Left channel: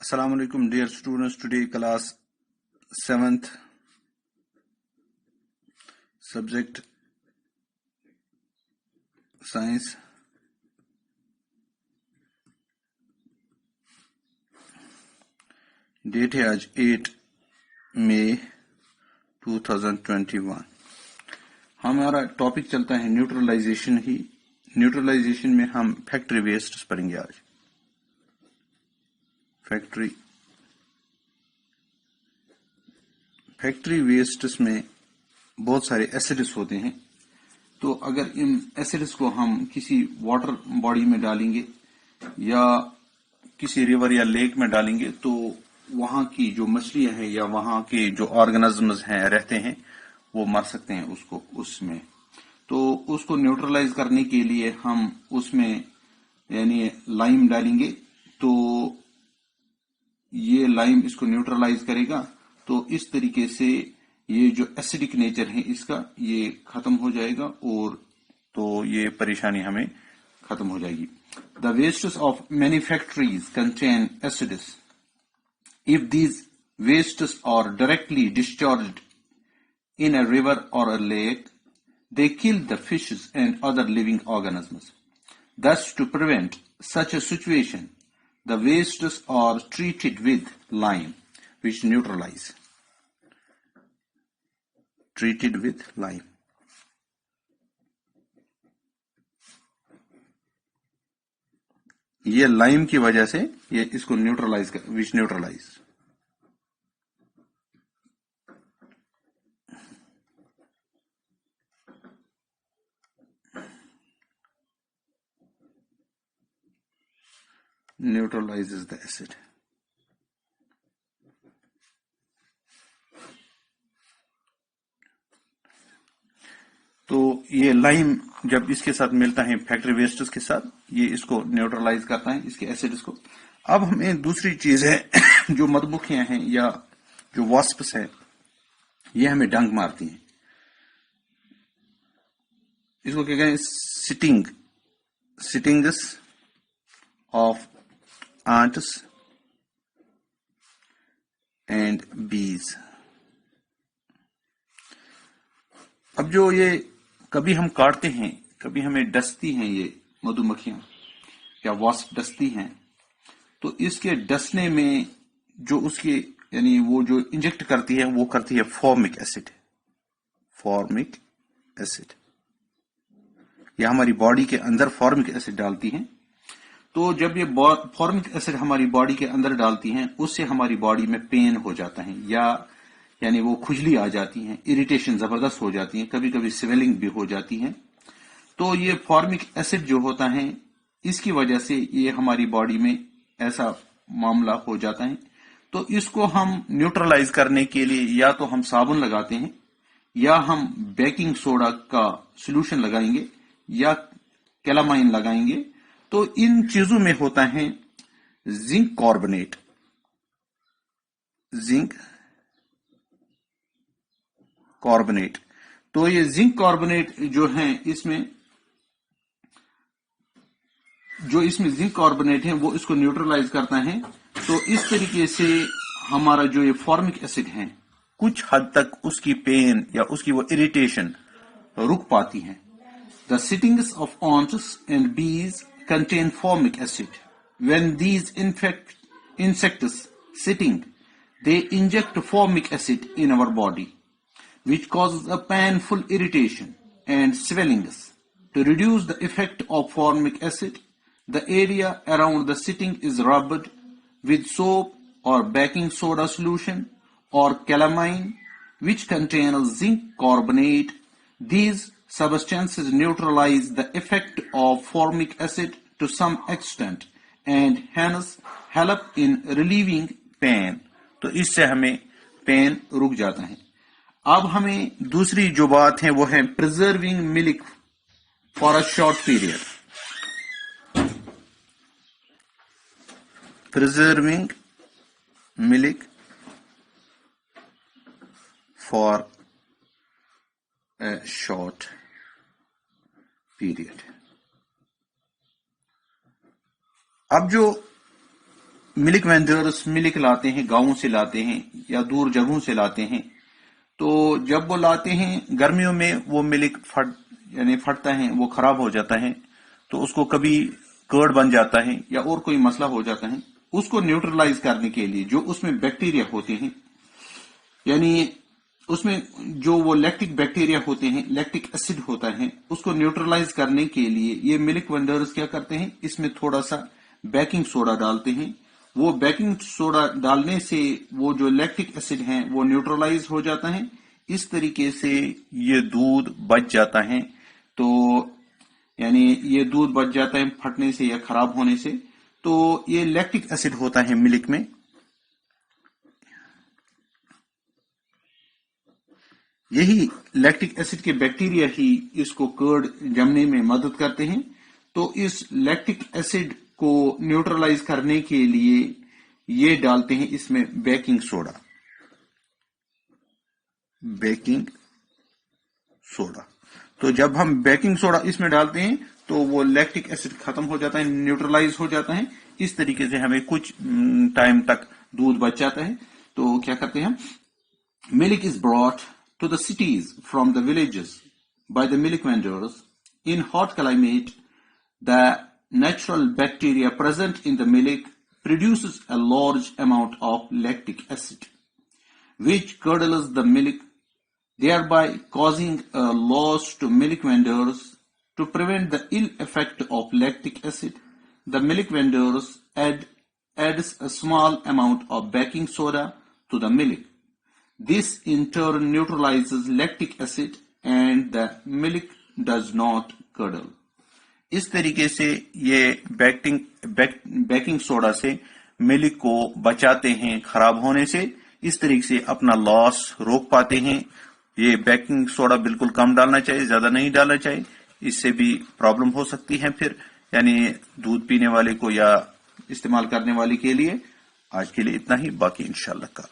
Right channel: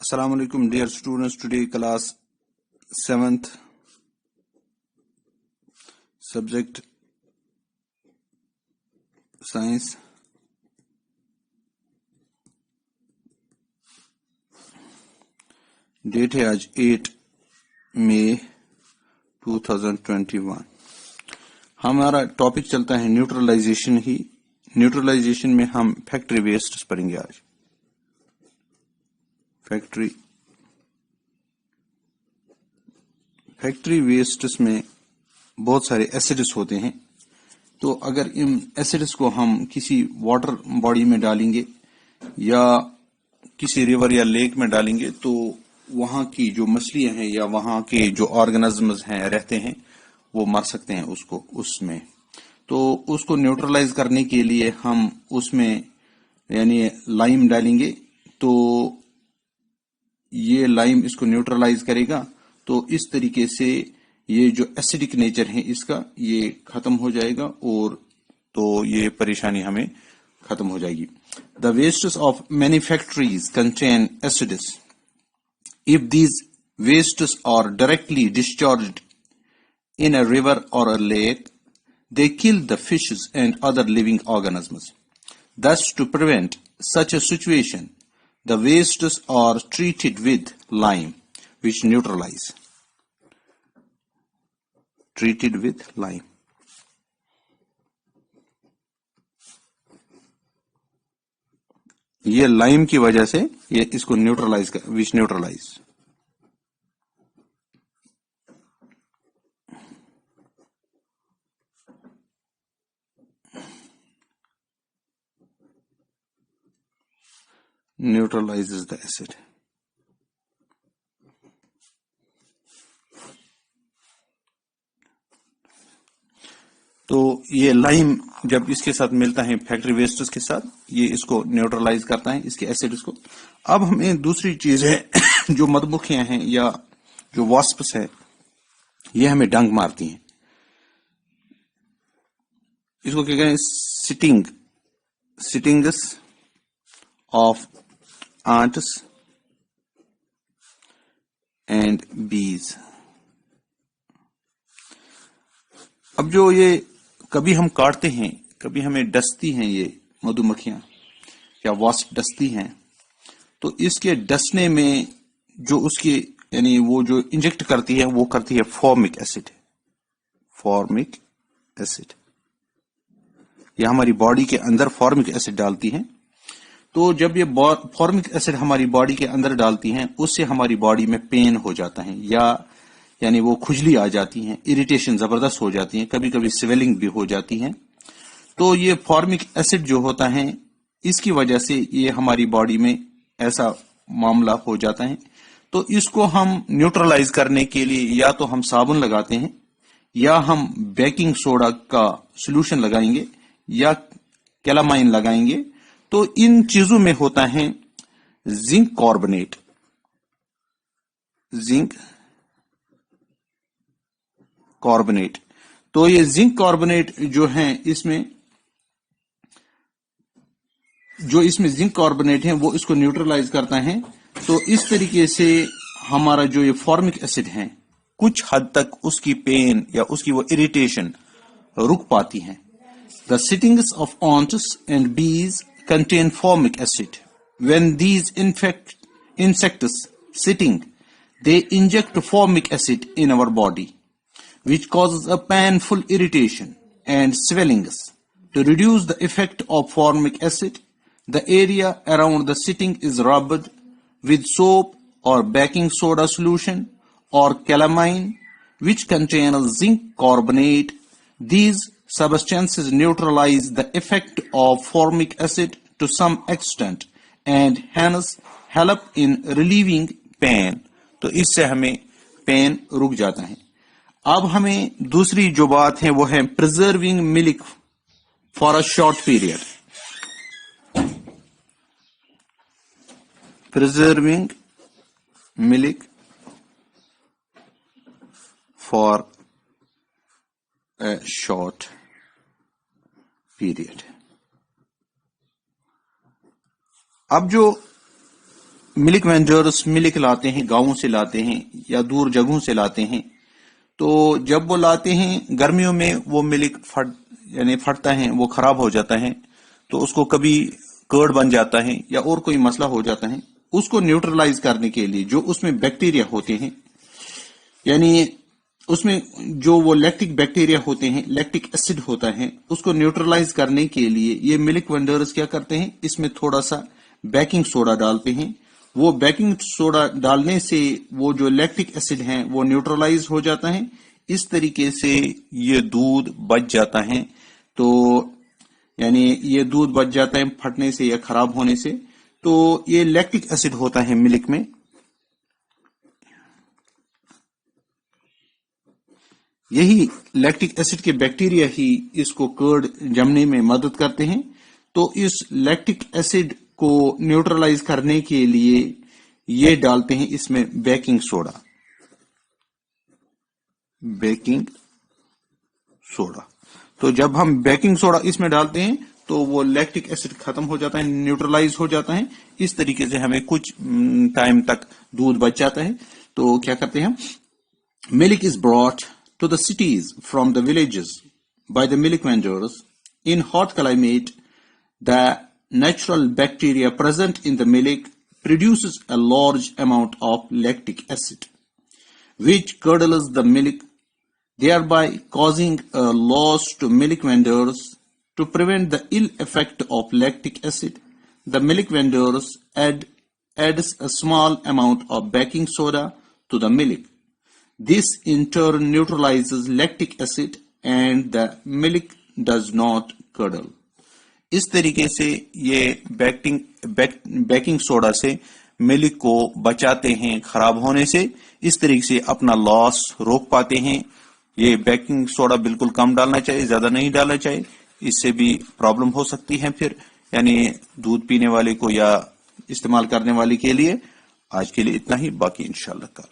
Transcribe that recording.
Assalamu alaikum, dear students. Today class 7th, subject science. Date है आज 8 मई 2021. हमारा topic चलता है न्यूट्रलाइजेशन ही. न्यूट्रलाइजेशन में हम फैक्ट्री वेस्ट पढ़ेंगे आज. फैक्ट्री वेस्ट्स में बहुत सारे एसिड्स होते हैं. तो अगर इन एसिड्स को हम किसी वाटर बॉडी में डालेंगे या किसी रिवर या लेक में डालेंगे तो वहां की जो मछलियां हैं या वहां के जो ऑर्गेनिजम्स हैं रहते हैं वो मर सकते हैं उसमें. तो उसको न्यूट्रलाइज करने के लिए हम उसमें यानी लाइम डालेंगे. तो ये लाइम इसको न्यूट्रलाइज करेगा. तो इस तरीके से ये जो एसिडिक नेचर है इसका ये खत्म हो जाएगा और तो ये परेशानी हमें खत्म हो जाएगी. The wastes of many factories contain acids. If these wastes are directly discharged in a river or a lake, they kill the fishes and other living organisms. Thus, to prevent such a situation, the wastes are treated with lime, which neutralize. Treated with lime. ये lime की वजह से ये इसको neutralise कर, विच neutralise. Neutralizes the acid. तो ये lime जब इसके साथ मिलता है फैक्ट्री वेस्ट्स के साथ ये इसको न्यूट्रलाइज करता है इसके एसिड्स को. अब हमें दूसरी चीज है जो मधुमक्खियां हैं या जो वास्प्स है ये हमें डंक मारती हैं. इसको क्या कहते हैं? Sittings of ants and bees. अब जो ये कभी हम काटते हैं कभी हमें डसती हैं ये मधुमक्खियां या वास्प डसती हैं. तो इसके डसने में जो उसकी यानी वो जो इंजेक्ट करती है वो करती है फॉर्मिक एसिड. या हमारी बॉडी के अंदर फॉर्मिक एसिड डालती हैं. तो जब ये फॉर्मिक एसिड हमारी बॉडी के अंदर डालती हैं उससे हमारी बॉडी में पेन हो जाता है या यानी वो खुजली आ जाती है, इरिटेशन जबरदस्त हो जाती है, कभी कभी स्वेलिंग भी हो जाती है. तो ये फॉर्मिक एसिड जो होता है इसकी वजह से ये हमारी बॉडी में ऐसा मामला हो जाता है. तो इसको हम न्यूट्रलाइज करने के लिए या तो हम साबुन लगाते हैं या हम बेकिंग सोडा का सोल्यूशन लगाएंगे या कैलामाइन लगाएंगे. तो इन चीजों में होता है जिंक कार्बोनेट. तो ये जिंक कार्बोनेट जो है इसमें जिंक कार्बोनेट है वो इसको न्यूट्रलाइज करता है. तो इस तरीके से हमारा जो ये फॉर्मिक एसिड है कुछ हद तक उसकी पेन या उसकी वो इरिटेशन रुक पाती है. The sittings of ants and bees contain formic acid. When these insects sitting, they inject formic acid in our body, which causes a painful irritation and swellings. To reduce the effect of formic acid, the area around the sitting is rubbed with soap or baking soda solution or calamine, which contains zinc carbonate. These substances neutralize the effect of formic acid to some extent and hence help in relieving pain. तो इससे हमें pen रुक जाता है. अब हमें दूसरी जो बात है वो है preserving milk for a short period. Preserving milk for a short period. अब जो मिल्क वेंडर्स मिल्क लाते हैं, गांवों से लाते हैं या दूर जगहों से लाते हैं, तो जब वो लाते हैं गर्मियों में वो मिल्क फटता है, वो खराब हो जाता है, तो उसको कभी कर्ड बन जाता है या और कोई मसला हो जाता है। उसको न्यूट्रलाइज करने के लिए जो उसमें बैक्टीरिया होते हैं, यानी उसमें जो वो लैक्टिक बैक्टीरिया होते हैं, लैक्टिक एसिड होता है, उसको न्यूट्रलाइज करने के लिए ये मिल्क वेंडर्स क्या करते हैं, इसमें थोड़ा सा बेकिंग सोडा डालते हैं। वो बेकिंग सोडा डालने से वो जो लैक्टिक एसिड है वो न्यूट्रलाइज हो जाता है। इस तरीके से ये दूध बच जाता है। तो यानी ये दूध बच जाता है फटने से या खराब होने से। तो ये लैक्टिक एसिड होता है मिल्क में। यही लैक्टिक एसिड के बैक्टीरिया ही इसको कर्ड जमने में मदद करते हैं। तो इस लैक्टिक एसिड को न्यूट्रलाइज करने के लिए ये डालते हैं इसमें बेकिंग सोडा। बेकिंग सोडा, तो जब हम बेकिंग सोडा इसमें डालते हैं तो वो लैक्टिक एसिड खत्म हो जाता है, न्यूट्रलाइज हो जाता है। इस तरीके से हमें कुछ टाइम तक दूध बच जाता है। तो क्या करते हैं, milk is brought to the cities from the villages by the milk vendors. In hot climate, the natural bacteria present in the milk produces a large amount of lactic acid, which curdles the milk, thereby causing a loss to milk vendors. To prevent the ill effect of lactic acid, the milk vendors adds a small amount of baking soda to the milk. This in turn neutralizes lactic acid and the milk does not curdle. इस तरीके से ये baking soda से milk को बचाते हैं खराब होने से। इस तरीके से अपना लॉस रोक पाते हैं। ये बेकिंग सोडा बिल्कुल कम डालना चाहिए, ज्यादा नहीं डालना चाहिए, इससे भी प्रॉब्लम हो सकती है फिर, यानी दूध पीने वाले को या इस्तेमाल करने वाले के लिए। आज के लिए इतना ही, बाकी इंशाल्लाह कल।